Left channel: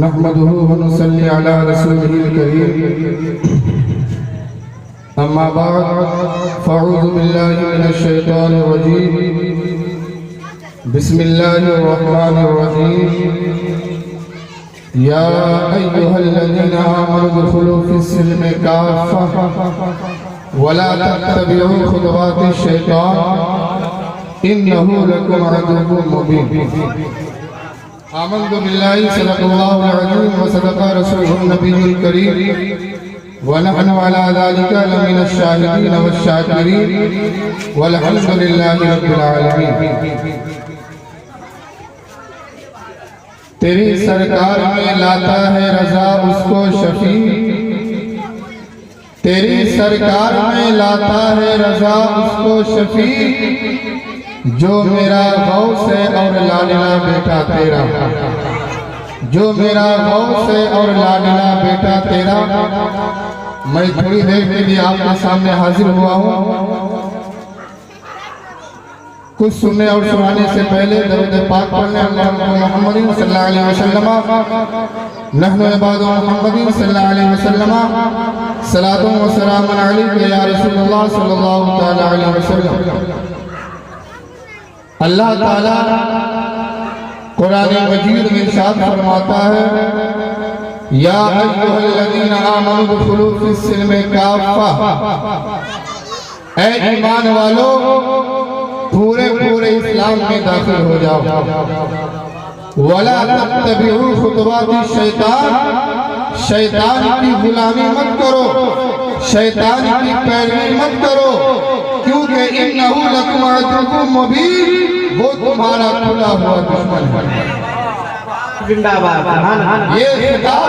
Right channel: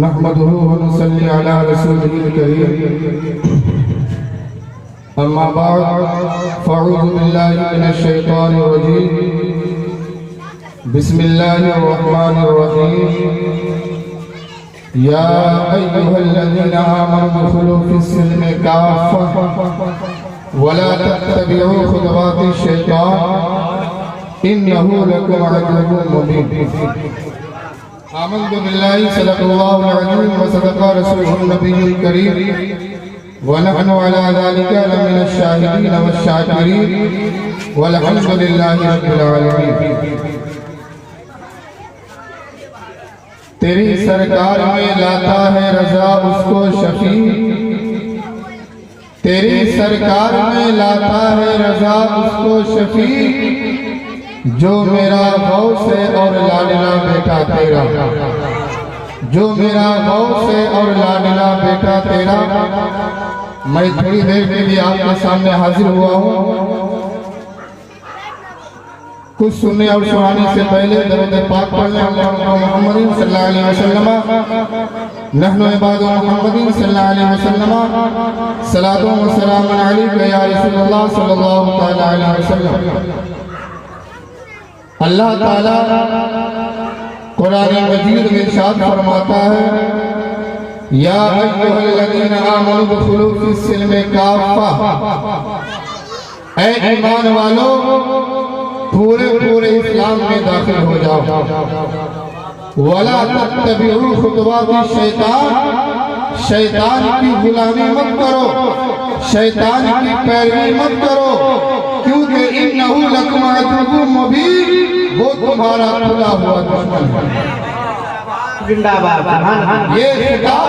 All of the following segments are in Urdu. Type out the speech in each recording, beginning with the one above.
نحمده ونصلي على رسوله الكريم اما بعد فاعوذ بالله من الشيطان الرجيم بسم الله الرحمن الرحيم يا ايها الذين امنوا ادخلوا في السلم كافة ولا تتبعوا خطوات الشيطان انه لكم عدو مبين آمنت بالله صدق الله العظيم وصدق رسوله النبي الكريم ونحن على ذلك لمن الشاهدين والشاكرين والحمد لله رب العالمين۔ تیری سرکار میں لاتا ہے رضا اس کو شفیع، تیری سرکار میں لاتا ہے رضا اس کو شفیع، جو میرا غوث ہے اور لاڈلا بیٹا تیرا، جو میرا غوث ہے اور لاڈلا بیٹا تیرا۔ میں تھوڑی دیر کے لیے آپ کے سامنے حاضر ہوا ہوں۔ کچھ سننے اور سنانے سے پہلے درود پاک پڑھنے محمد صلی اللہ علیہ وسلم، نحن عباد محمد صلی اللہ علیہ وسلم، صلاۃ و سلام علیک یا رسول اللہ صلی اللہ علیہ وسلم۔ اللہ تعالیٰ قرآن مجید میں ارشاد فرماتا ہے یا ایھا الذین آمنوا ادخلوا فی السلم کافہ، اے ایمان والو پورے اسلام میں داخل ہو جاؤ۔ ولا تتبعوا خطوات الشیطان، شیطان کی غلامی مت کرو، شیطان کی پیروی مت کرو، کیونکہ انہ لکم عدو مبین، وہ تمہارا کھلا ہوا دشمن ہے۔ یہ خطاب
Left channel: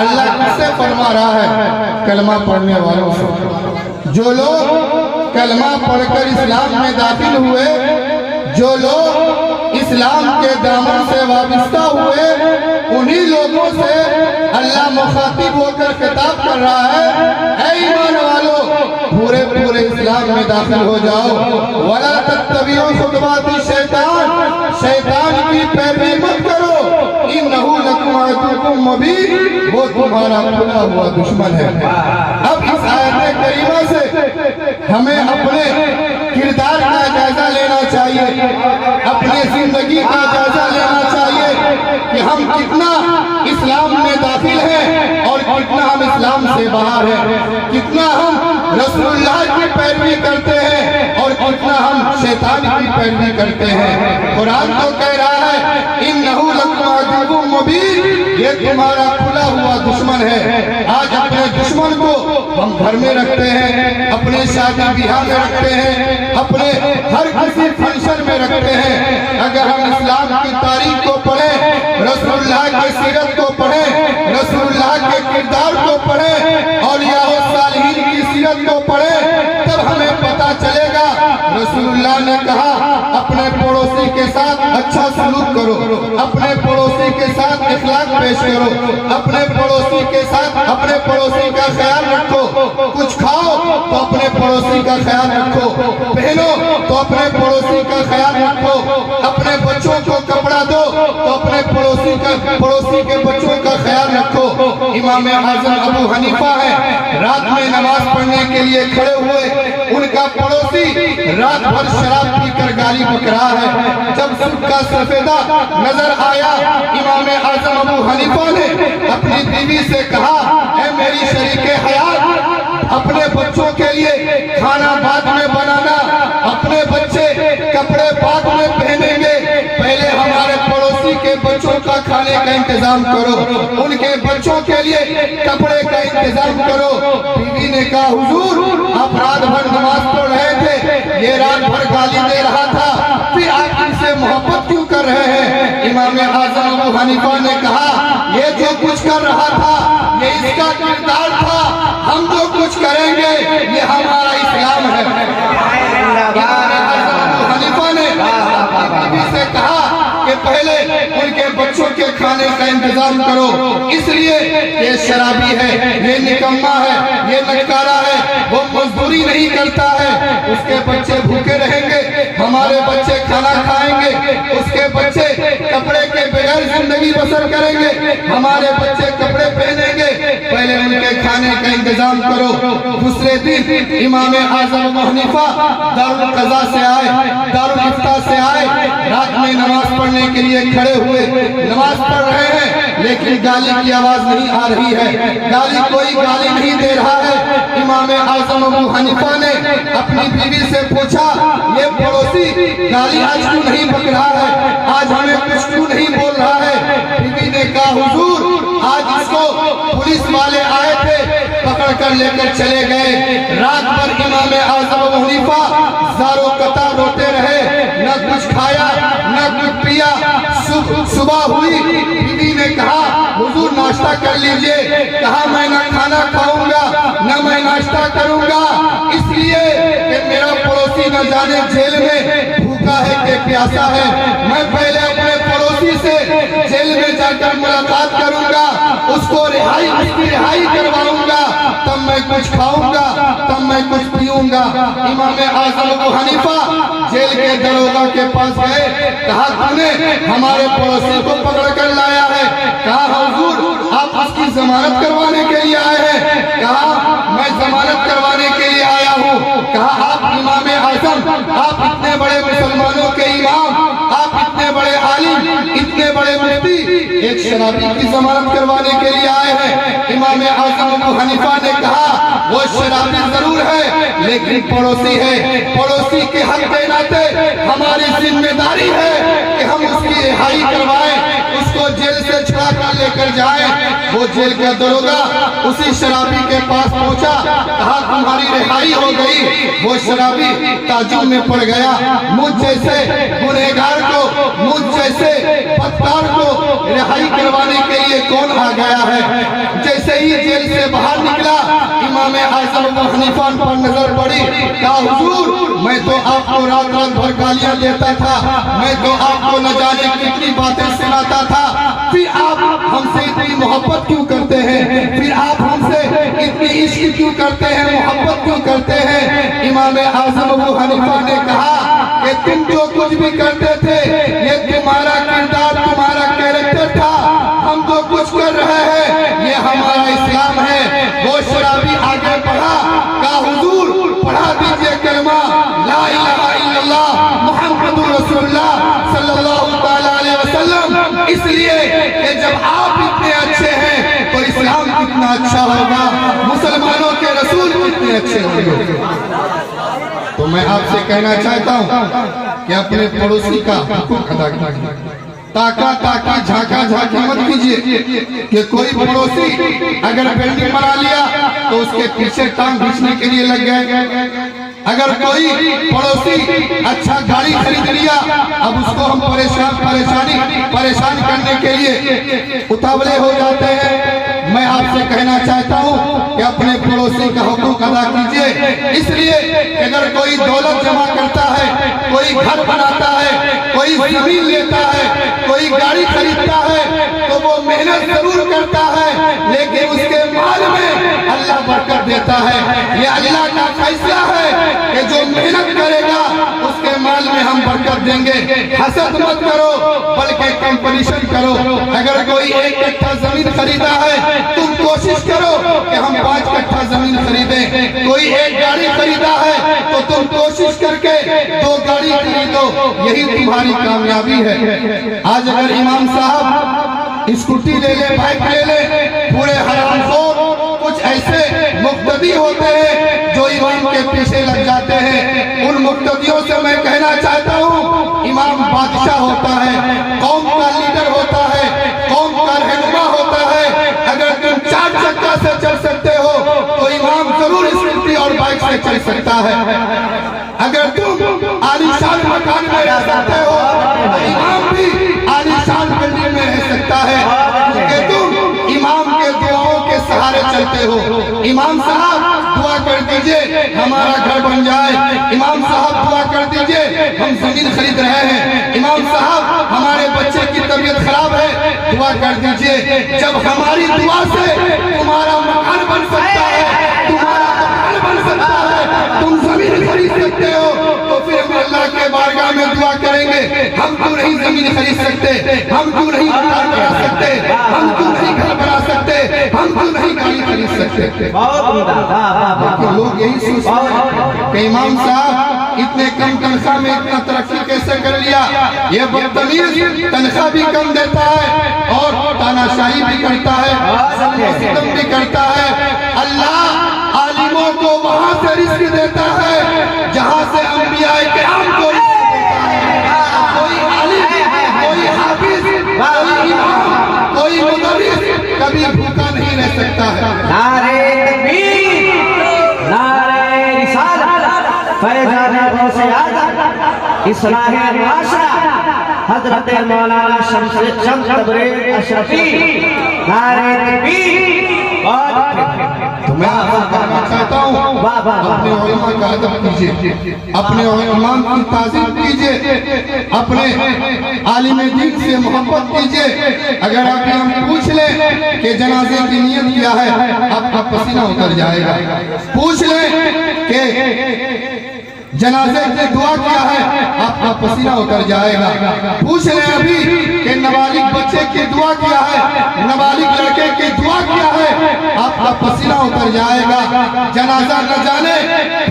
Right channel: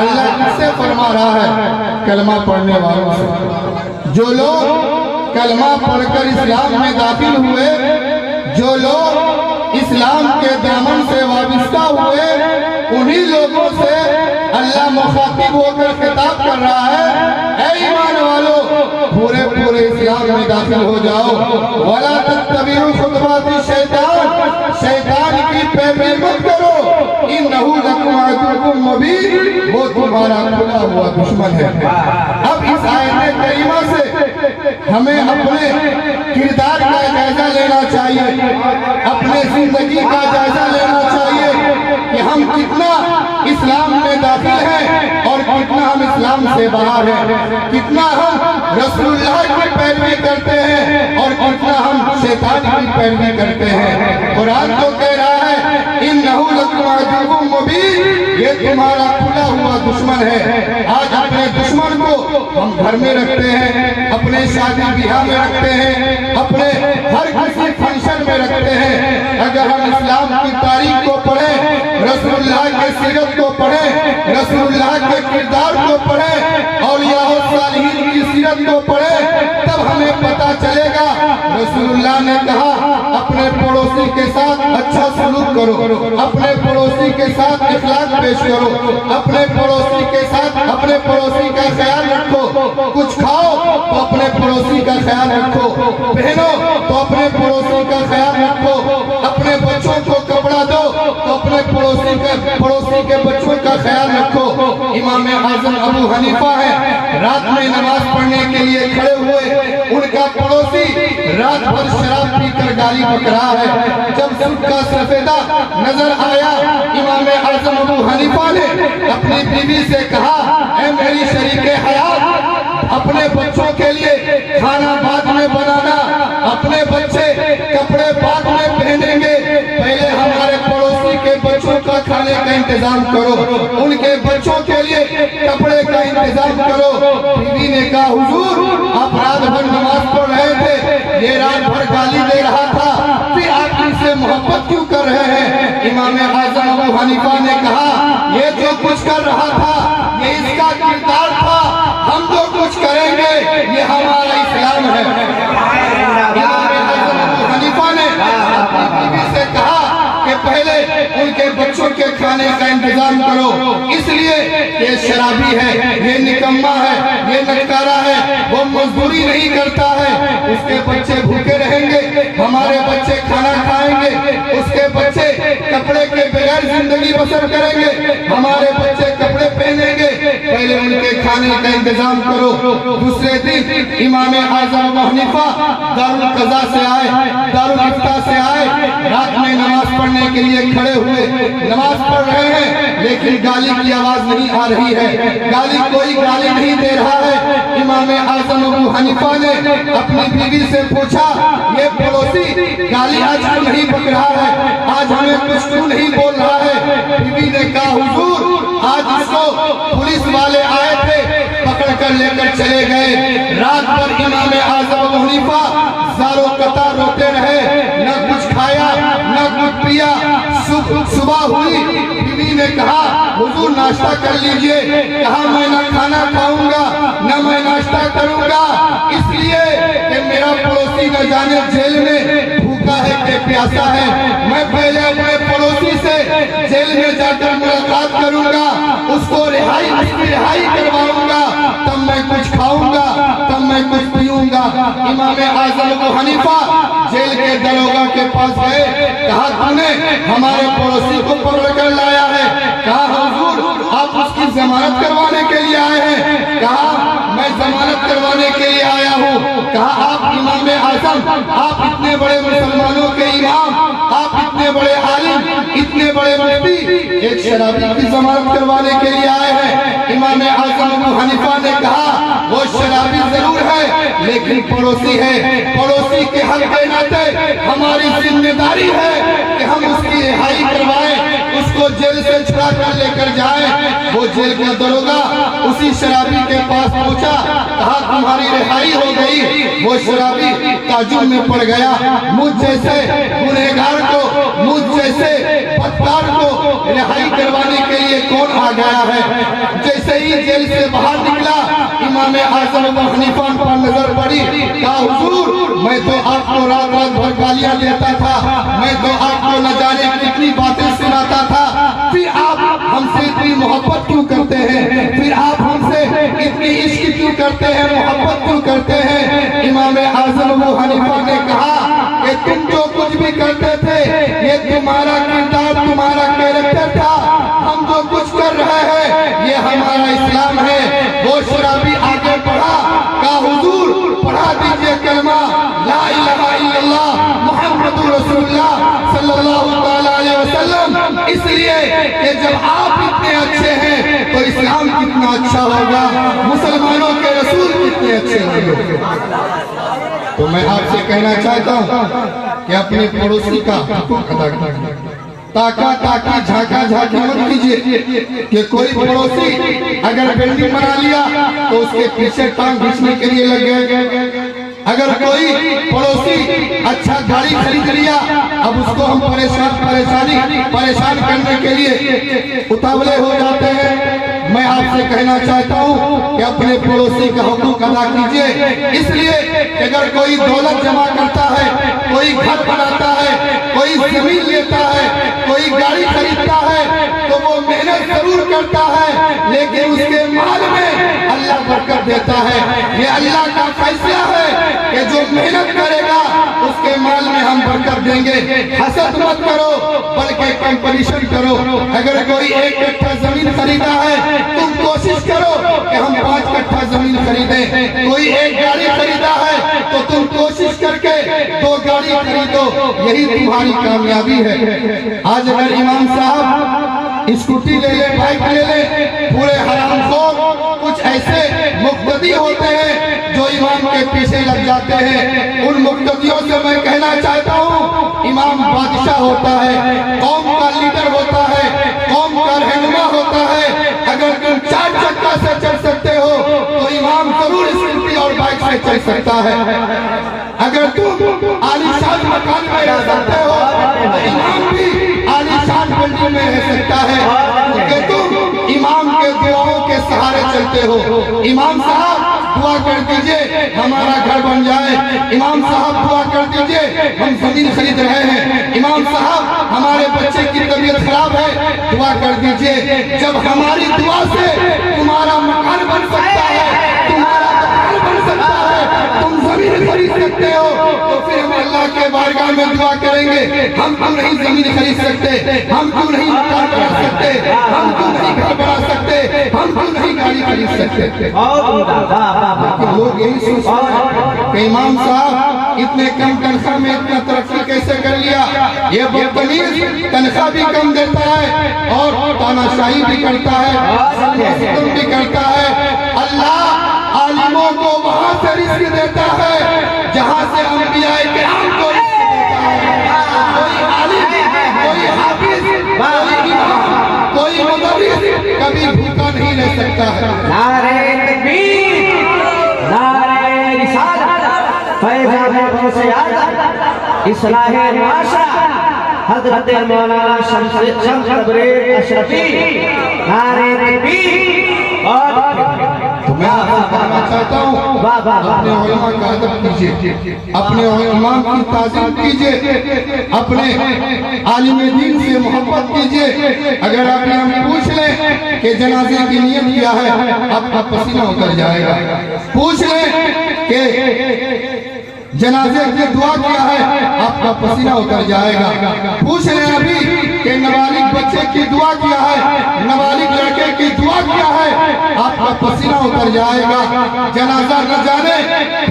اللہ کس سے فرما رہا ہے؟ کلمہ پڑھنے والوں سے۔ جو لوگ کلمہ پڑھ کر اسلام میں داخل ہوئے، جو لوگ اسلام کے دامن سے وابستہ ہوئے، انہی لوگوں سے اللہ مخاطب ہو کر خطاب کر رہا ہے اے ایمان والو پورے اسلام میں داخل ہو جاؤ۔ وَلَا تَتَّبِعُوا خُطُوَاتِ الشَّيْطَانِ، شیطان کی پیروی مت کرو، اِنَّهُ لَكُمْ عَدُوٌّ مُّبِینٌ، وہ تمہارا کھلا ہوا دشمن ہے۔ اب اس آیت کریمہ سے ہمیں اپنے کردار کا جائزہ لینا چاہیے، اپنے زندگی کا جائزہ لینا چاہیے کہ ہم کتنا اسلام میں داخل ہیں اور کتنا ہم اسلام سے باہر ہیں، کتنا ہم رسول اللہ کی پیروی کرتے ہیں اور کتنا ہم شیطان کی پیروی کرتے ہیں۔ قرآن تو کہہ رہا ہے انہ لکم عدو مبین، یہ تمہارا کھلا ہوا دشمن ہے۔ آج اپنے دشمن کو ہم گھر میں رکھتے ہیں، اپنے شادی بیاہ میں رکھتے ہیں، اپنے ہر کسی فنکشن میں رکھتے ہیں۔ اگر ہم اسلام کی تاریخ کو پڑھیں، رسول اللہ کے سیرت کو پڑھیں، رسول اللہ کے کردار کو پڑھیں، اولیاء و صالحین کی سیرت کو پڑھیں، تب ہمیں پتہ چلے گا رسول اللہ نے کہا اپنے پڑوسی کے ساتھ اچھا سلوک کرو، اپنے پڑوسی کے ساتھ اخلاق پیش کرو، اپنے پڑوسی کے ساتھ اپنے پڑوسی کا خیال رکھو، کچھ کھاؤ تو اپنے پڑوسی کا خیال رکھو، پہنو تو اپنے پڑوسی کا خیال رکھو، اپنے بچوں کو کپڑا دو تو اپنے پڑوسی کے بچوں کا خیال رکھو۔ امام اعظم ابو حنیفہ ہے، رات میں نماز پڑھنے کے لیے کھڑے ہوئے، ان کا پڑوسی رات بھر شراب پی کر گالی بک رہا ہے۔ جب سود کا سفیدہ نظر آیا، امام اعظم ابو حنیفہ نے اپنی بیوی سے کہا اے میری شریک حیات، اپنے بچوں کے لیے کھانا بعد میں بنانا، اپنے بچے کپڑے بعد میں پہنیں گے، پہلے ہمارے پڑوسی کے بچوں کا کھانے کا انتظام کرو، ان کے بچوں کے لیے کپڑے کا انتظام کرو۔ بیوی نے کہا حضور آپ رات بھر نماز پڑھ رہے تھے، یہ رات بھر گالی دے رہا تھا، پھر آپ ان سے محبت کیوں کر رہے ہیں؟ امام اعظم ابو حنیفہ نے کہا یہ جو کچھ کر رہا تھا یہ اس کا کردار تھا، ہم جو کچھ کریں گے یہ ہمارا اسلام ہے۔ امام اعظم ابو حنیفہ نے اپنی بیوی سے کہا کہ پہلے ان کے بچوں کے کھانے کا انتظام کرو، اس لیے یہ شرابی ہے، یہ نکما ہے، یہ لٹکارا ہے، وہ مزدوری نہیں کرتا ہے، اس کے بچے بھوکے رہیں گے، ہمارے بچے کھانا کھائیں گے، اس کے بچے کپڑے کے بغیر زندگی زندگی بسر کریں گے, ہمارے بچے کپڑے پہنیں گے, پہلے ان کے کھانے کا انتظام کرو. دوسرے دن امام اعظم ابو حنیفہ دارالقضاء سے آئے, دارالفتہ سے آئے, رات میں نماز پڑھنے کے لیے کھڑے ہوئے. نماز پڑھ رہے ہیں لیکن گالی کی آواز نہیں آ رہی ہے, کوئی گالی نہیں دے رہا ہے. امام اعظم ابو حنیفہ نے اپنی بیوی سے پوچھا, یہ پڑوسی گالی آج کیوں نہیں بک رہا ہے, آج ہمیں کچھ کیوں نہیں بول رہا ہے؟ بیوی نے کہا, حضور آج اس کو پولیس والے آئے تھے, پکڑ کر لے کر چلے گئے. رات بھر امام اعظم ابو حنیفہ زار و قطار روتے رہے, نہ کچھ کھایا نہ کچھ پیا. صبح ہوئی, بیوی نے کہا, حضور ناشتہ کر لیجئے. کہا, میں نہ کھانا کھاؤں گا نہ میں ناشتہ کروں گا, اس لیے کہ میرا پڑوسی نہ جانے جیل میں بھوکا ہے کہ پیاسا ہے. میں پہلے اپنے پڑوسی سے جیل میں جا کر ملاقات کروں گا, اس کو رہائی کرواؤں گا, تب میں کچھ کھاؤں گا, تب میں کچھ پیوں گا. امام اعظم ابو حنیفہ جیل کے دروگا کے پاس گئے. کہا, تم نے ہمارے پڑوسی کو پکڑ کر لایا ہے. کہا, حضور آپ اس کی ضمانت کروانے کے لیے آئے ہیں. کہا, میں ضمانت کروانے کے لیے آیا ہوں. کہا, آپ امام اعظم, آپ اتنے بڑے مسلمانوں کے امام, آپ اتنے بڑے عالم, اتنے بڑے مفتی, ایک شرابی کی ضمانت کروانے کے لیے آئے ہیں. امام اعظم ابو حنیفہ نے کہا, وہ شرابی ضرور ہے لیکن پڑوسی ہے. پڑوسی کے حق کے ناطے ہماری ذمہ داری ہے کہ ہم اس کی رہائی کروائیں, اس کو جیل سے چھڑا کر لے کر جائیں. وہ جیل کا دروگا اسی شرابی کے پاس پہنچا. کہا, تمہاری رہائی ہو گئی. وہ شرابی تعجب میں پڑ گیا, مجھ جیسے گنہگار کو, مجھ جیسے بدکار کو رہائی کروانے کے لیے کون آ گیا ہے؟ جیسے ہی جیل سے باہر نکلا, امام اعظم ابو حنیفہ پر نظر پڑی. کہا, حضور میں تو آپ کو رات بھر گالیاں دیتا تھا, میں تو آپ کو نہ جانے کتنی باتیں سناتا تھا, پھر آپ ہم سے اتنی محبت کیوں کرتے ہیں؟ پھر آپ ہم سے اتنی عشق کیوں کرتے ہیں, محبت کیوں کرتے ہیں؟ امام اعظم ابو حنیفہ نے کہا کہ تم جو کچھ بھی کرتے تھے یہ تمہارا کردار, تمہارا کیریکٹر تھا. ہم جو کچھ کر رہے ہیں یہ ہمارا اسلام ہے. وہ شرابی آگے پڑھا. کہا, حضور پڑھا دیجئے کلمہ لا الہ الا اللہ محمد رسول اللہ صلی اللہ علیہ وسلم, اس لیے کہ جب آپ اتنے اچھے ہیں تو اسلام کتنا اچھا ہوگا, مسلمانوں کے رسول کتنے اچھے ہوں گے. تو میں آپ سے کہنا چاہتا ہوں کہ اپنے پڑوسی کا حقوق ادا کیجیے. تاکہ جھاکا جھاکی مت کیجیے کہ کوئی پڑوسی اگر بلڈنگ بنا لیا تو اس کے پیچھے ٹانگ کھینچنے کے لیے لگ گئے. اگر کوئی پڑوسی اچھا گاڑی خرید لیا, اب اس کو ہم پریشان کرنے کے لیے اتاولے ہو جاتے ہیں. میں آپ سے کہنا چاہتا ہوں کہ اپنے پڑوسی کا حقوق ادا کیجئے, اس لیے کہ اگر کوئی دولت جمع کرتا ہے, کوئی گھر بناتا ہے, کوئی زمین لیتا ہے, کوئی گاڑی خریدتا ہے, تو وہ محنت ضرور کرتا ہے لیکن اس کے مال میں اللہ برکت دیتا ہے. یہ اللہ کا فیصلہ ہے کہ جو محنت کرے گا اس کے مال میں ہم برکت دیں گے. حسد مت کرو بلکہ کمپٹیشن کرو. اگر کوئی 1 کٹھا زمین خریدا ہے, تم کوشش کرو کہ ہم 5 کٹھا زمین خریدیں. کوئی 1 گاڑی خریدا ہے تو تم کوشش کر کے 2 گاڑی خریدو. یہی تمہاری کامیابی ہے. آج اگر امام صاحب اسکوٹی لے لے, بائک لے لے, پورے حرام خور کچھ ایسے مقتدی ہوتے ہیں جو امام کے پیچھے لگ جاتے ہیں. ان مقتدیوں سے میں کہنا چاہتا ہوں, امام بادشاہ ہوتا ہے, قوم کا لیڈر ہوتا ہے, قوم کا رہنما ہوتا ہے. اگر تم 4 چکا سے چل سکتے ہو تو امام ضرور اسکوٹی اور بائک سے چل سکتا ہے. اگر تم عالیشان مکان میں رہ سکتے ہو تو امام بھی عالیشان بلڈنگ میں رہ سکتا ہے, کہ تم امام کے دعاؤں کے سہارے چلتے ہو. امام صاحب دعا کر دیجئے ہمارا گھر بن جائے. امام صاحب دعا کر دیجئے ہم زمین خرید رہے ہیں. امام صاحب ہمارے بچے کی طبیعت خراب ہے, دعا کر دیجئے. جب ہماری دعا سے تمہارا مکان بن سکتا ہے, تمہارا مکان بن سکتا ہے, تم زمین خرید سکتے خریدتے ہو تو پھر ہم اللہ کے بارگاہ میں دعا کریں گے ہم کیوں نہیں زمین خرید سکتے, ہم کیوں نہیں مکان بنا سکتے, ہم کیوں نہیں گھر بنا سکتے, ہم کیوں نہیں گاڑی خرید سکتے. لیکن لوگ یہی سوچتے ہیں کہ امام صاحب اتنے کم تنخواہ میں اتنا ترقی کیسے کر لیا, یہ بدتمیز تنخواہ بھی کم دیتا ہے اور تاناشاہی بھی کرتا ہے, ستم بھی کرتا ہے. اللہ عالموں کو وہاں سے رزق دیتا ہے جہاں سے انبیاء کرام کو رزق دیتا ہے. کوئی عالم, کوئی حافظ, کوئی امام, کوئی مدرس کبھی بھوکا نہیں رہ سکتا ہے. نعرہ تکبیر, نعرہ رسالت, فیضان غوث اعظم, اصلاح معاشرہ, حضرت مولانا شمس تبریز اشرفی. نعرہ تکبیر. تو میں آپ سے کہنا چاہتا ہوں اپنے علماء کا ادب کیجئے, اپنے علماء کی تعظیم کیجئے, اپنے عالم دین سے محبت کیجئے. اگر آپ ہم پوچھ لیں کہ جنازے کی نیت کیا ہے آپ کا پسینہ اتر جائے گا. پوچھ لیں کہ جنازے کی دعا کیا ہے آپ کا پسینہ اتر جائے گا. پوچھ لیں ابھی کہ نابالغ بچے کی دعا کیا ہے, نابالغ لڑکے کی دعا کیا ہے, آپ کا پسینہ اتر جائے گا. جنازہ نہ جانے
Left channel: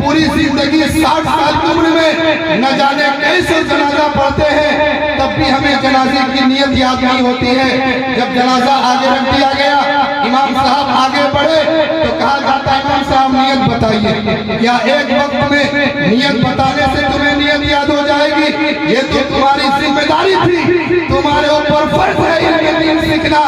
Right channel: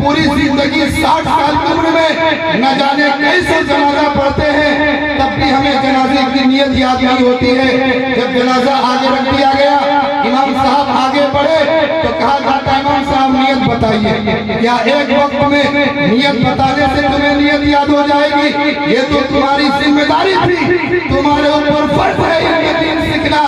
پوری زندگی 60 سال کی عمر میں نہ جانے کیسے جنازہ پڑھتے ہیں, تب بھی ہمیں جنازے کی نیت یاد نہیں ہوتی ہے. جب جنازہ آگے رکھ دیا گیا, امام صاحب آگے بڑھے تو کہا جاتا ہے امام صاحب نیت بتائیے. کیا ایک وقت میں نیت بتانے سے تمہیں نیت یاد ہو جائے گی؟ یہ تو تمہاری ذمہ داری تھی, تمہارے اوپر فرض ہے علم دین سیکھنا.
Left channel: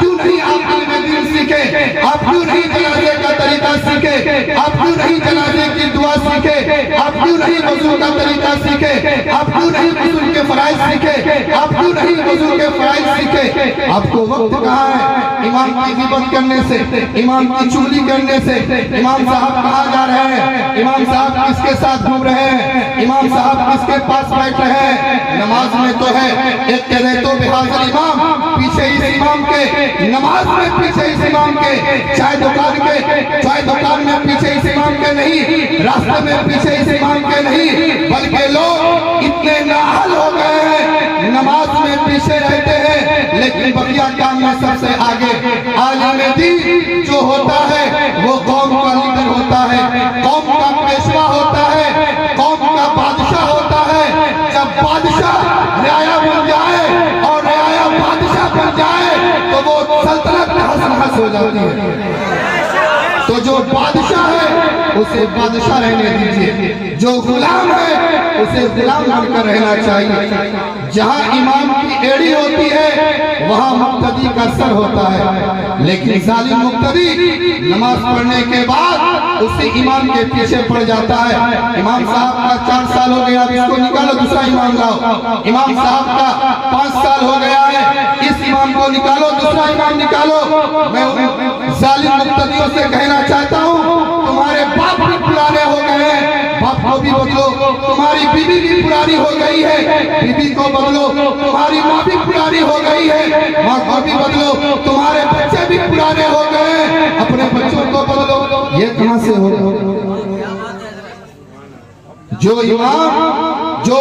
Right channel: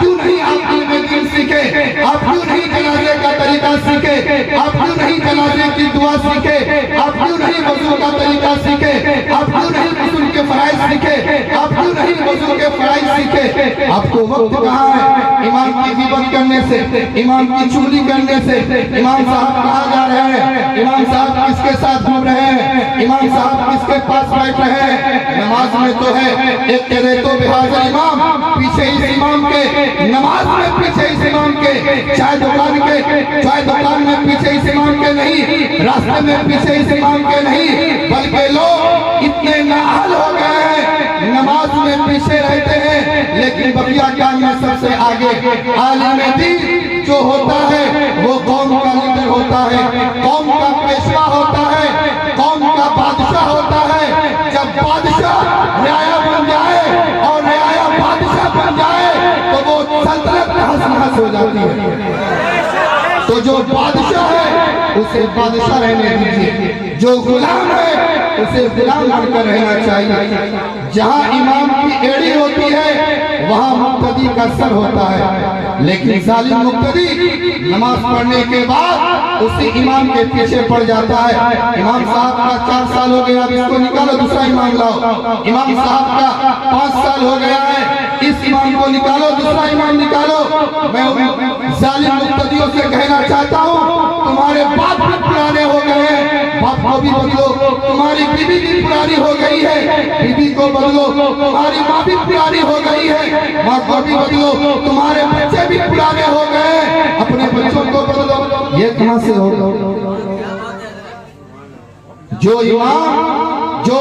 کیوں نہیں آپ علم دین سیکھے, آپ کیوں نہیں جنازے کا طریقہ سیکھے, آپ کیوں نہیں جنازے کی دعا سیکھے, آپ کیوں نہیں وضو کا طریقہ سیکھے, آپ کیوں نہیں غسل کے فرائض سیکھے, آپ کیوں نہیں وضو کے فرائض سیکھے. آپ کو وقت کہاں ہے امام کی غیبت کرنے سے, امام کی چغلی کرنے سے. امام صاحب کہاں جا رہے ہیں, امام صاحب کس کے ساتھ گھوم رہے ہیں, امام صاحب کس کے پاس بیٹھ رہے ہیں. نماز میں تو ہے ایک کہنے تو بحاظر امام, پیچھے اس امام کے, نماز میں پیچھے اس امام کے, چائے دکان میں پیچھے اس امام کے نہیں, راستے میں پیچھے اس امام کے نہیں, بلکہ لوگ اتنے نااہل ہو گئے ہیں نماز میں پیچھے رہتے ہیں لیکن بقیہ کام میں سب سے آگے. عالم دین جو ہوتا ہے وہ قوم کا لیڈر ہوتا ہے, قوم کا پیشوا ہوتا ہے, قوم کا بادشاہ ہوتا ہے. جب بادشاہ رعایا بن جائے اور رعایا بادشاہ بن جائے تو وہ سلطنت نحس نحس ہو جاتی ہے. تو جو بادشاہ ہے اسے بادشاہ رہنے دیجئے, جو غلام ہے اسے غلام بن کر رہنا چاہیے. جہاں امام کی ایڑی ہوتی ہے وہاں مقتدی کا سر ہوتا ہے, لیکن ظالم مقتدی نماز پڑھنے کے بعد اسی امام کے پیچھے پڑ جاتا ہے. امام صاحب کا 4 سال ہو گیا, اب اس کو نکالو دوسرا امام لاؤ. امام صاحب کا 5 سال ہو گیا ہے, اس امام کو نکالو دوسرا امام نکالو. میں ظالم مقتدیوں سے کہنا چاہتا ہوں تمہارے باپ بھی پرانے ہو گئے ہیں, باپ کو بھی بدلو. تمہاری بیوی بھی پرانی ہو گئی ہے, بیوی کو بدلو. تمہاری ماں بھی پرانی ہو گئی ہے, ماں کو بھی بدلو. تمہارے بچے بھی پرانے ہو گئے ہیں, اپنے بچوں کو بدلو. یہ کہاں سے ہوگا؟ جو امام جو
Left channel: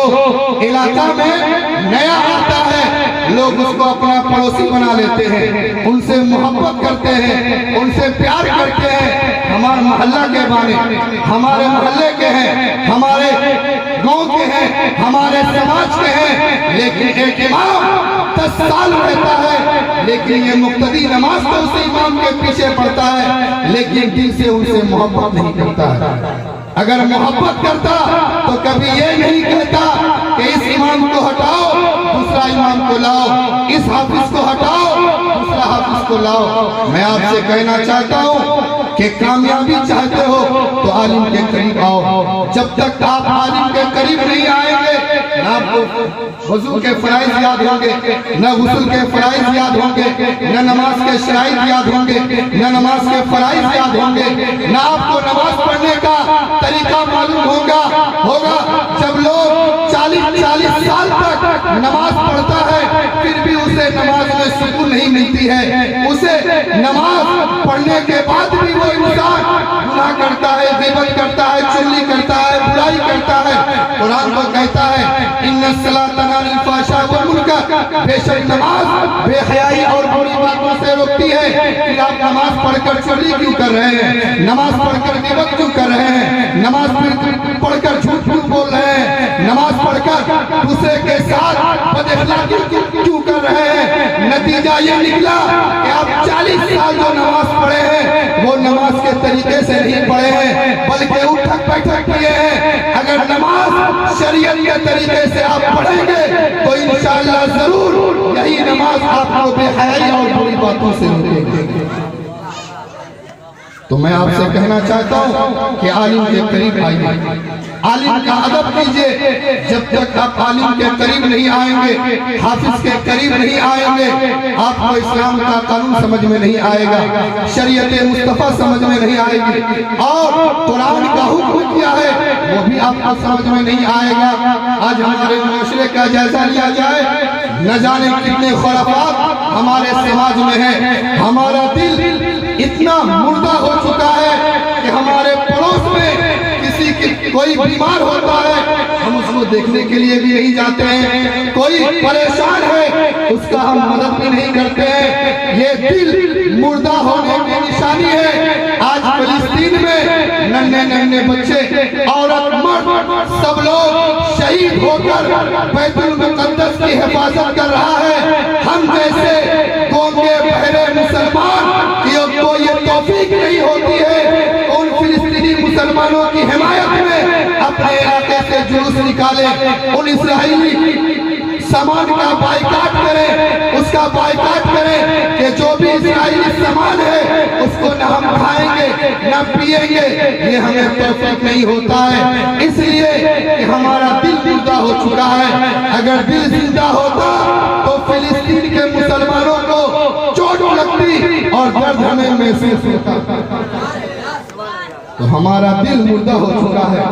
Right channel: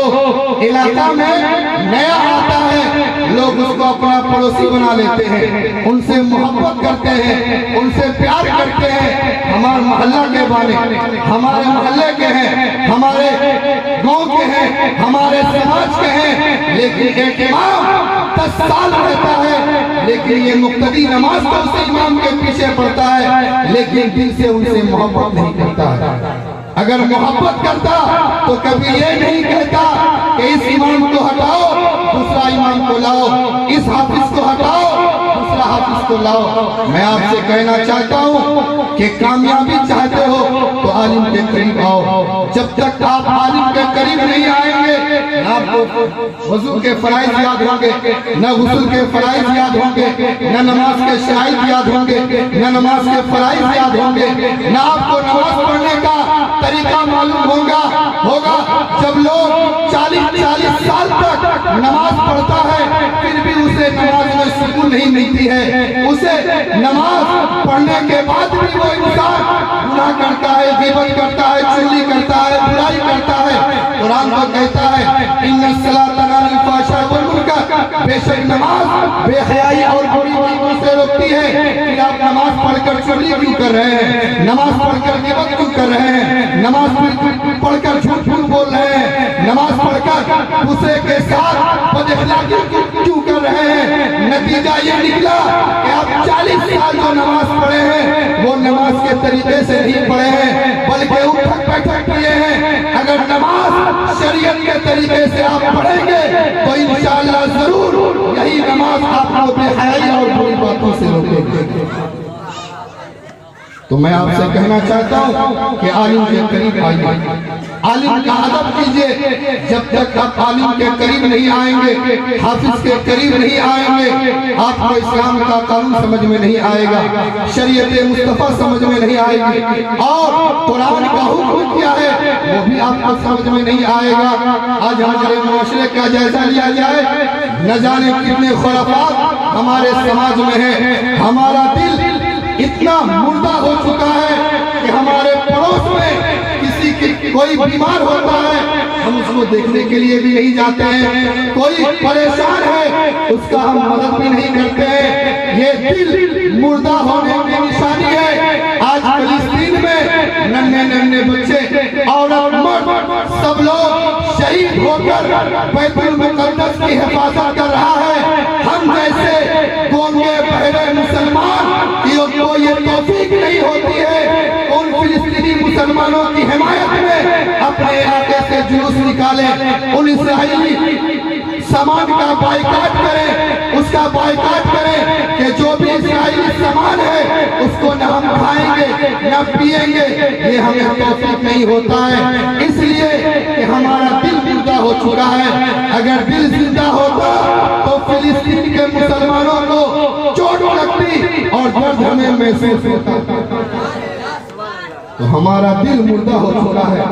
علاقہ میں نیا آتا ہے لوگ اس کو اپنا پڑوسی بنا لیتے ہیں, ان سے محبت کرتے ہیں, ان سے پیار کرتے ہیں. ہمارے محلہ کے بارے, ہمارے محلے کے ہیں, ہمارے گاؤں کے ہیں, ہمارے سماج کے ہیں. لیکن ایک امام 10 سال رہتا ہے لیکن یہ مقتدی نماز تو اس امام کے پیچھے پڑتا ہے لیکن دل سے ان سے محبت نہیں کرتا ہے. اگر محبت کرتا تو کبھی یہ نہیں کہتا کہ اس امام کو ہٹاؤ دوسرا امام کو لاؤ, اس حافظ کو ہٹاؤ دوسرا حافظ کو لاؤ. میں آپ سے کہنا چاہتا ہوں کہ کامیابی چاہتے ہو تو عالم کے قریب آؤ. جب تک آپ عالم کے قریب نہیں آئیں گے نہ آپ کو وضو کے فرائض یاد ہوں گے, نہ غسل کے فرائض یاد ہوں گے, نہ نماز کے شرائط یاد ہوں گے, نہ نماز کے فرائض یاد ہوں گے, نہ آپ کو نماز پڑھنے کا طریقہ معلوم ہوگا. جب لوگ 40 سال تک نماز پڑھتا ہے پھر بھی اسے نماز میں سکون نہیں ملتی ہے, اسے نماز پڑھنے کے بعد بھی وہ انسان گناہ کرتا ہے, غیبت کرتا ہے, چغلی کرتا ہے, برائی کرتا ہے, الصلاۃ تنہی عن الفحشاء والمنکر، بے شک نماز بے حیائی اور بری باتوں سے روکتی ہے۔ پھر آپ نماز پڑھ کر چوری کیوں کر رہے ہیں؟ نماز پڑھ کر غیبت کیوں کر رہے ہیں؟ نماز پڑھ کر جھوٹ کیوں بول رہے ہیں؟ نماز پڑھ کر دوسرے کے ساتھ بد اخلاقی کیوں کر رہے ہیں؟ نتیجہ یہ نکلا کہ آپ 40 سال جو نماز پڑھے ہیں وہ نماز کے طریقے سے نہیں پڑھے ہیں بلکہ اٹھک بیٹھک کیے ہیں۔ اگر نماز شریعت کے طریقے سے آپ پڑھیں گے تو انشاءاللہ ضرور یہی نماز آپ کو بے حیائی اور بری باتوں سے روکے گی۔ تو میں آپ سے کہنا چاہتا ہوں کہ عالم کے قریب آئیے، عالم کا ادب کیجئے۔ جب تک آپ عالم کے قریب نہیں آئیں گے، حافظ کے قریب نہیں آئیں گے، آپ کو اسلام کا قانون سمجھ میں نہیں آئے گا، شریعت مصطفیٰ سمجھ میں نہیں آئے گی، اور قرآن کا حکم کیا ہے وہ بھی آپ کو سمجھ میں نہیں آئے گا۔ آج ہمارے معاشرے کا جائزہ لیا جائے، نہ جانے کتنے خرافات ہمارے سماج میں ہیں۔ ہمارا دل اتنا مردہ ہو چکا ہے کہ ہمارے پڑوس میں کسی کی کوئی بیمار ہوتا ہے ہم اس کو دیکھنے کے لیے بھی نہیں جاتے ہیں، کوئی پریشان ہے اس کا ہم مدد بھی نہیں کرتے ہیں۔ یہ دل مردہ ہونے کی نشانی ہے۔ آج فلسطین میں ننھے ننھے بچے، عورت، مرد سب لوگ شہید ہو کر بیت المقدس کی حفاظت کر رہا ہے۔ ہم جیسے گونگے بہرے مسلمان کو یہ توفیق نہیں ہوتی ہے ان فلسطینی مسلمانوں کی حمایت میں اپنے علاقے سے جلوس نکالے، ان اسرائیلی سامان کا بائیکاٹ کریں، اس کا بائیکاٹ کریں کہ جو بھی اسرائیلی سامان ہے اس کو نہ ہم کھائیں گے نہ پیئیں گے۔ یہ ہمیں توفیق نہیں ہوتا ہے، اس لیے کہ ہمارا دل مردہ ہو چکا ہے۔ اگر دل زندہ ہوتا تو فلسطین کے مسلمانوں کو چوٹ لگتی اور درد ہمیں محسوس ہوتا۔ تو ہمارا دل مردہ ہو چکا ہے،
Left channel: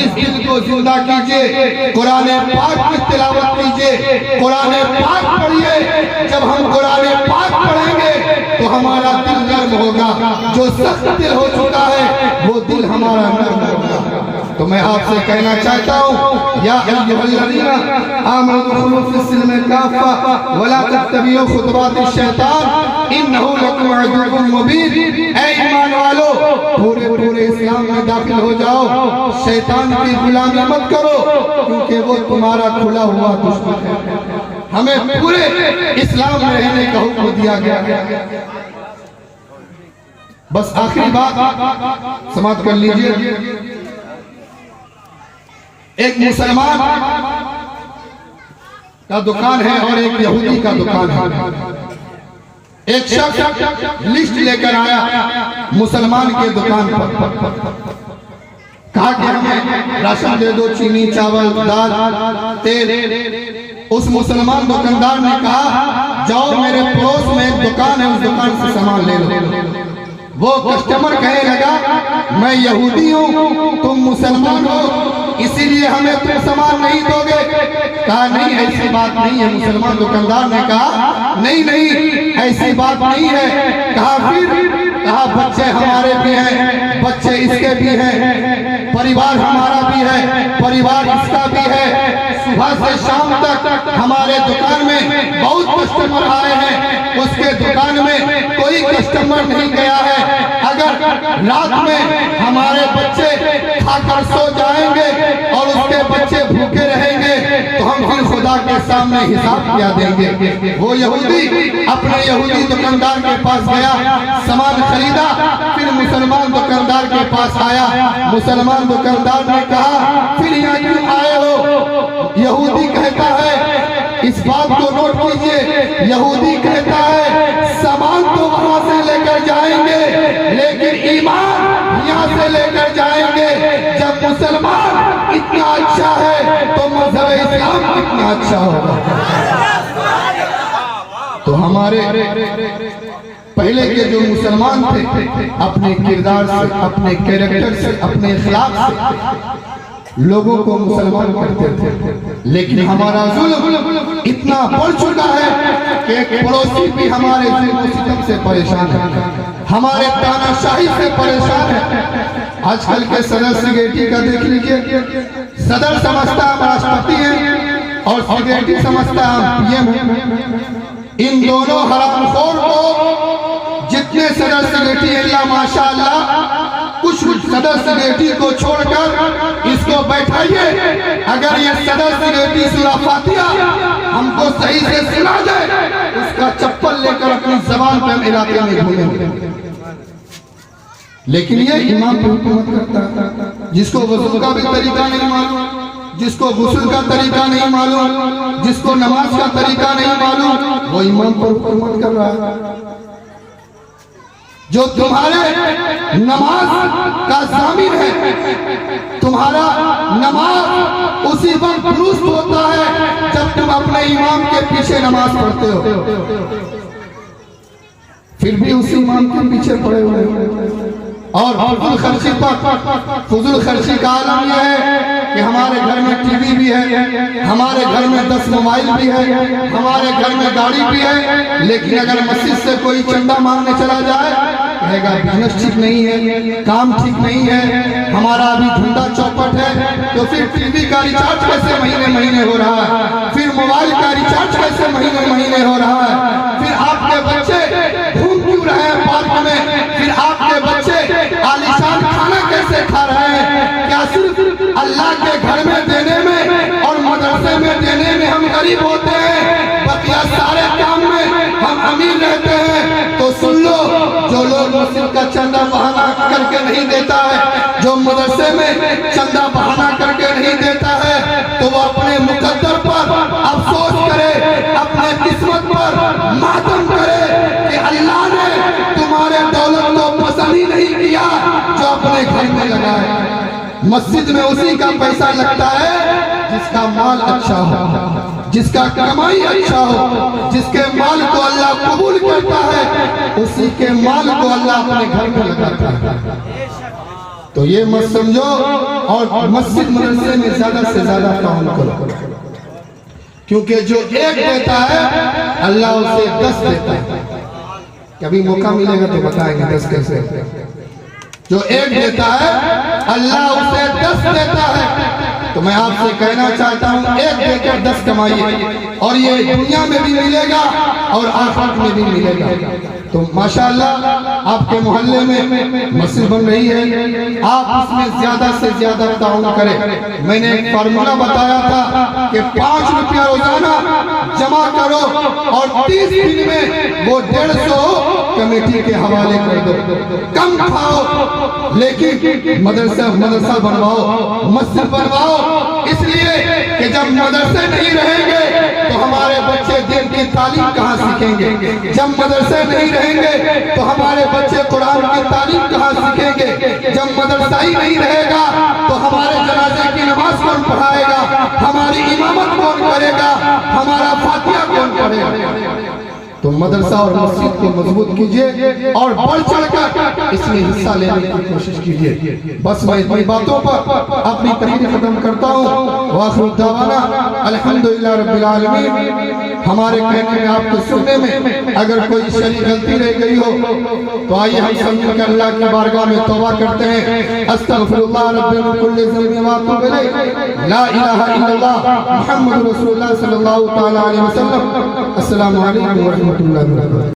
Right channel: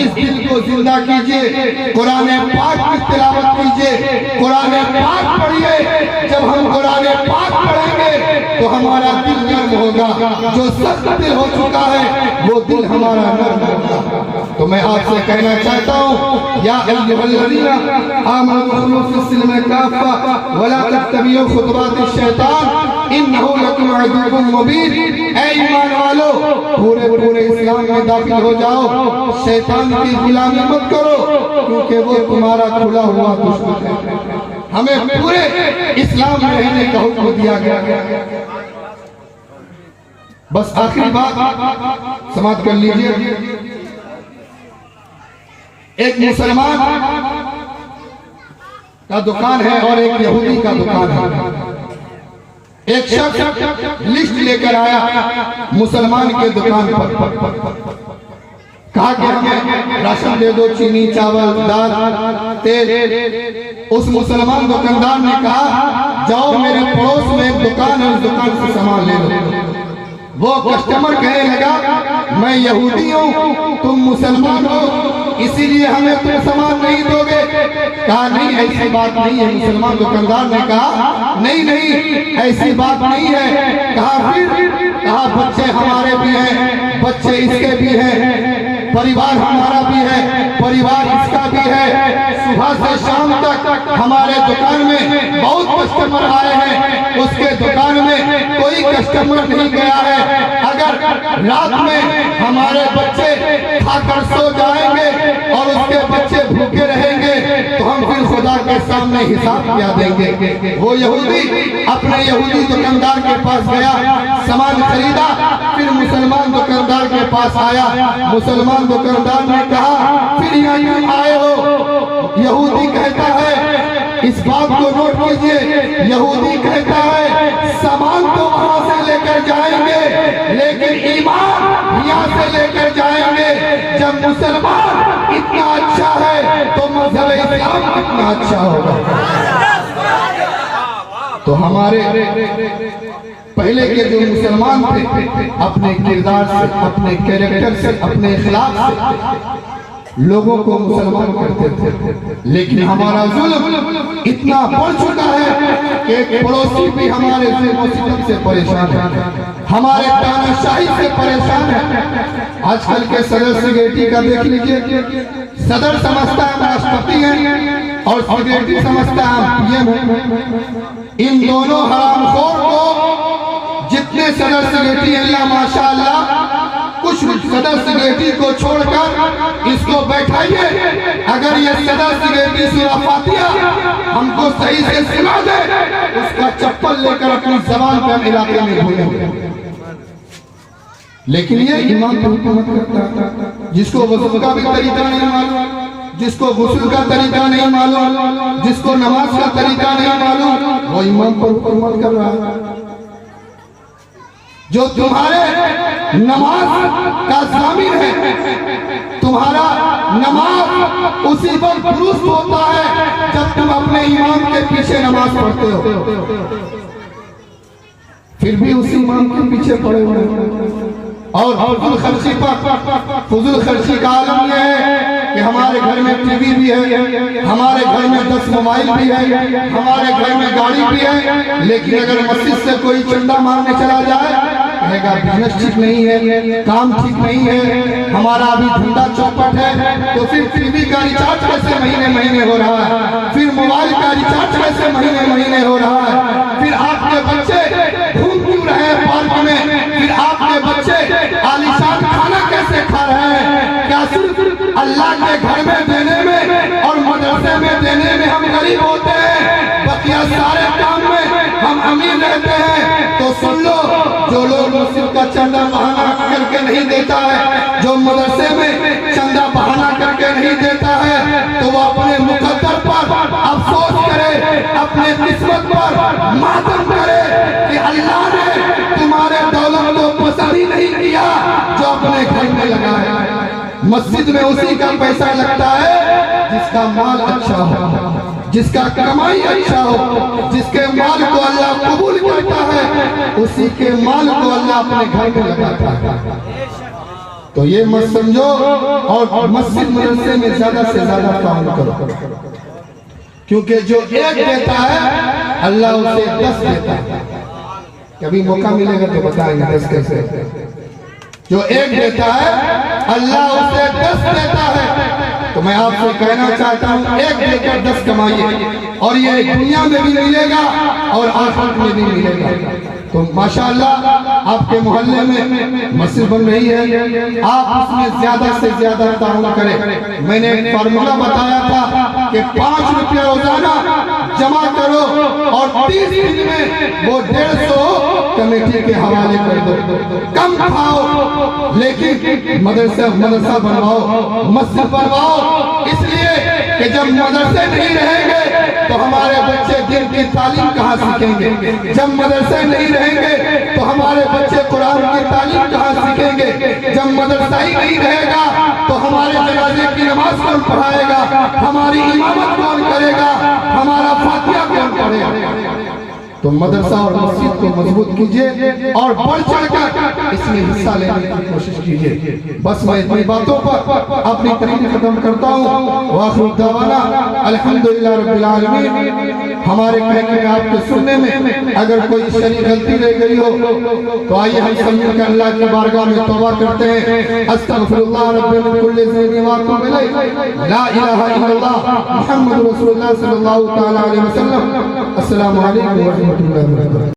اس دل کو زندہ کیجئے، قرآن پاک کی تلاوت کیجئے، قرآن پاک پڑھیے۔ جب ہم قرآن پاک پڑھیں گے تو ہمارا دل نرم ہوگا، جو سخت دل ہو چکا ہے وہ دل ہمارا نرم ہوگا۔ تو میں آپ سے کہنا چاہتا ہوں، یا ایھا الذین آمنوا ادخلوا فی السلم کافۃ ولا تتبعوا خطوات الشیطان انہ لکم عدو مبین۔ اے ایمان والو، پورے اسلام میں داخل ہو جاؤ، شیطان کی غلامی مت کرو کیونکہ وہ تمہارا کھلا ہوا دشمن ہے۔ ہمیں پورے اسلام میں رہنے کا حکم دیا گیا۔ بس آخری بات سماعت کر لیجئے، ایک مسلمان کا دکان ہے اور ایک یہودی کا دکان ہے۔ ایک شخص لسٹ لے کر آیا مسلمان کے دکان پر، کہا کہ ہمیں راشن دے دو، چینی، چاول، دال، تیل۔ اس مسلمان دکاندار نے کہا جاؤ میرے پڑوس میں ایک دکان ہے، اس دکان سے سامان لے لو۔ وہ کسٹمر کہنے لگا میں یہودی ہوں، تم مسلمان ہو، اسی لیے ہمیں تم سامان نہیں دو گے۔ کہا نہیں ایسی بات نہیں ہے۔ مسلمان دکاندار نے کہا نہیں ایسی بات نہیں ہے۔ کہا بچے ہمارے بھی ہیں، بچے اس کے بھی ہیں، پریوار ہمارا بھی ہے، پریوار اس کا بھی ہے۔ صبح سے شام تک ہمارے دکان میں بہت کسٹمر آئے ہیں، اس کے دکان میں کوئی کسٹمر نہیں گیا ہے۔ اگر رات میں ہمارے بچے کھا کر سو جائیں گے اور اس کے بچے بھوکے رہیں گے تو ہم پھر خدا کے سامنے حساب کیا دیں گے۔ وہ یہودی اپنے یہودی دکاندار کے پاس گیا، سامان خریدا، پھر مسلمان دکاندار کے پاس آیا۔ مسلمان دکاندار نے کہا پھر یہاں کیوں آئے ہو؟ یہودی کہتا ہے، اس بات کو نوٹ کیجئے، یہودی کہتا ہے سامان تو وہاں سے لے کر جائیں گے لیکن ایمان یہاں سے لے کر جائیں گے۔ جب مسلمان اتنا اچھا ہے تو مذہب اسلام کتنا اچھا ہوگا۔ تو ہمارے پہلے کے جو مسلمان تھے اپنے کردار سے، اپنے کیریکٹر سے، اپنے اخلاق سے لوگوں کو مسلمان کرتے تھے، لیکن ہمارا ظلم اتنا بڑھ چکا ہے کہ ایک پڑوسی بھی ہمارے ظلم و ستم سے پریشان ہے، ہمارے تانا شاہی سے پریشان ہے۔ آج کل کے صدر سیکریٹری کا دیکھ لیجئے، صدر سمجھتا ہے راشٹرپتی ہیں، اور سگریٹی سمجھتا ہے ہم پی ایم ہیں. ان دونوں حرام خور کو جتنے صدر سگریٹی اللہ ماشاءاللہ کچھ صدر سگریٹی کو چھوڑ کر اس کو بیٹھائیے. اگر یہ صدر سگریٹی سورہ فاتحہ ہم کو صحیح سے سنا دے اس کا چپل لے کر اپنی زبان پہ ہم علاقے میں گھومیں گے. لیکن یہ امام پر حکومت کرتا ہے جس کو وضو کا بھی طریقہ نہیں معلوم, جس کو غسل کا طریقہ نہیں معلوم, جس کو نماز کا طریقہ نہیں معلوم, وہ امام پر حکومت کر رہا ہے. جو تمہارے نماز کا ضامن ہے, تمہارا نماز اسی وقت درست ہوتا ہے جب تم اپنے امام کے پیچھے نماز پڑھتے ہو, پھر بھی اسی امام کے پیچھے پڑے ہوئے ہیں. اور فضول خرچی کا عالم یہ ہے کہ ہمارے گھر میں ٹی وی بھی ہے, ہمارے گھر میں 10 موبائل بھی ہے, ہمارے گھر میں گاڑی بھی ہے, لیکن اگر مسجد سے کوئی چندہ مانگنے چلا جائے کہے گا بزنس ٹھیک نہیں ہے, کام ٹھیک نہیں ہے, ہمارا ابھی دھندا چوپٹ ہے. تو پھر ٹی وی کا ریچارج کیسے مہینے ہو رہا ہے, پھر موبائل کا ریچارج کیسے مہینے ہو رہا ہے, پھر آپ کے بچے گھوم کیوں رہے ہیں پارک میں, پھر آپ کے بچے عالیشان کھانا کیسے کھا رہے ہیں. کیا صرف اللہ کے گھر میں دینے میں اور مدرسے میں دینے میں ہم غریب ہوتے ہیں, بقیہ سارے کام میں ہم امیر رہتے ہیں؟ تو سن لو, جو لوگ مسجد کا چندہ بہانہ کر کے نہیں دیتا ہے, جو مدرسے میں چندہ بہانہ کر کے نہیں دیتا ہے, تو وہ اپنے مقدر پر افسوس کرے, اپنے قسمت پر ماتم کرے کہ اللہ نے تمہارے دولت کو پسند ہی نہیں کیا جو اپنے گھر میں لگا ہے. مسجد میں اسی کا پیسہ لگتا ہے جس کا مال اچھا ہو, جس کا کمائی اچھا ہو, جس کے مال کو اللہ قبول کرتا ہے, اسی کے مال کو اللہ اپنے گھر میں لگاتا ہے. تو یہ مت سمجھو, اور مسجد مدرسے میں زیادہ سے زیادہ کام کرو, کیونکہ جو ایک دیتا ہے اللہ اسے 10 دیتا ہے. کبھی موقع ملے گا تو بتائیں گے 10 کیسے. جو ایک دیتا ہے اللہ اسے 10 دیتا ہے. تو میں آپ سے کہنا چاہتا ہوں, ایک دے کر 10 کمائیے, اور یہ دنیا میں بھی ملے گا اور آخرت میں بھی ملے گا. تو ماشاءاللہ آپ کے محلے میں مسجد بن رہی ہے, آپ اس میں زیادہ سے زیادہ تعاون کریں. میں نے ایک فارمولہ بتایا تھا کہ 5 روپیہ روزانہ جمع کرو اور 30 دن میں وہ 150 کمیٹی کے حوالے کر دو. کم کھاؤ لیکن مدرسہ بنواؤ, مسجد بنواؤ, اس لیے کہ جب مدرسے نہیں رہیں گے تو ہمارے بچے دین کی تعلیم کہاں سیکھیں گے, جب مدرسے نہیں رہیں گے تو ہمارے بچے قرآن کی تعلیم کہاں سیکھیں گے, جب مدرسہ ہی نہیں رہے گا تو ہمارے جنازے کی نماز کون پڑھائے گا, ہماری امامت کون کرے گا, ہمارا فاتحہ کون پڑھے گا. تو مدرسہ اور مسجد کو مضبوط کیجئے اور بڑھ چڑھ کر اس میں حصہ لینے کی کوشش کیجئے. بس میں اتنی باتوں پر اپنی تقریر ختم کرتا ہوں. وآخر دعوانا الحمدللہ رب العالمین. ہمارے کہنے میں آپ کے سننے میں اگر کوئی شرعی غلطی رہ گئی ہو تو آئیے ہم سب مل کر اللہ کی بارگاہ میں توبہ کرتے ہیں. استغفر اللہ رب من کل ذنب واتوب الیہ, لا الہ الا اللہ محمد رسول اللہ صلی اللہ تعالی علیہ وسلم. السلام علیکم ورحمۃ اللہ وبرکاتہ.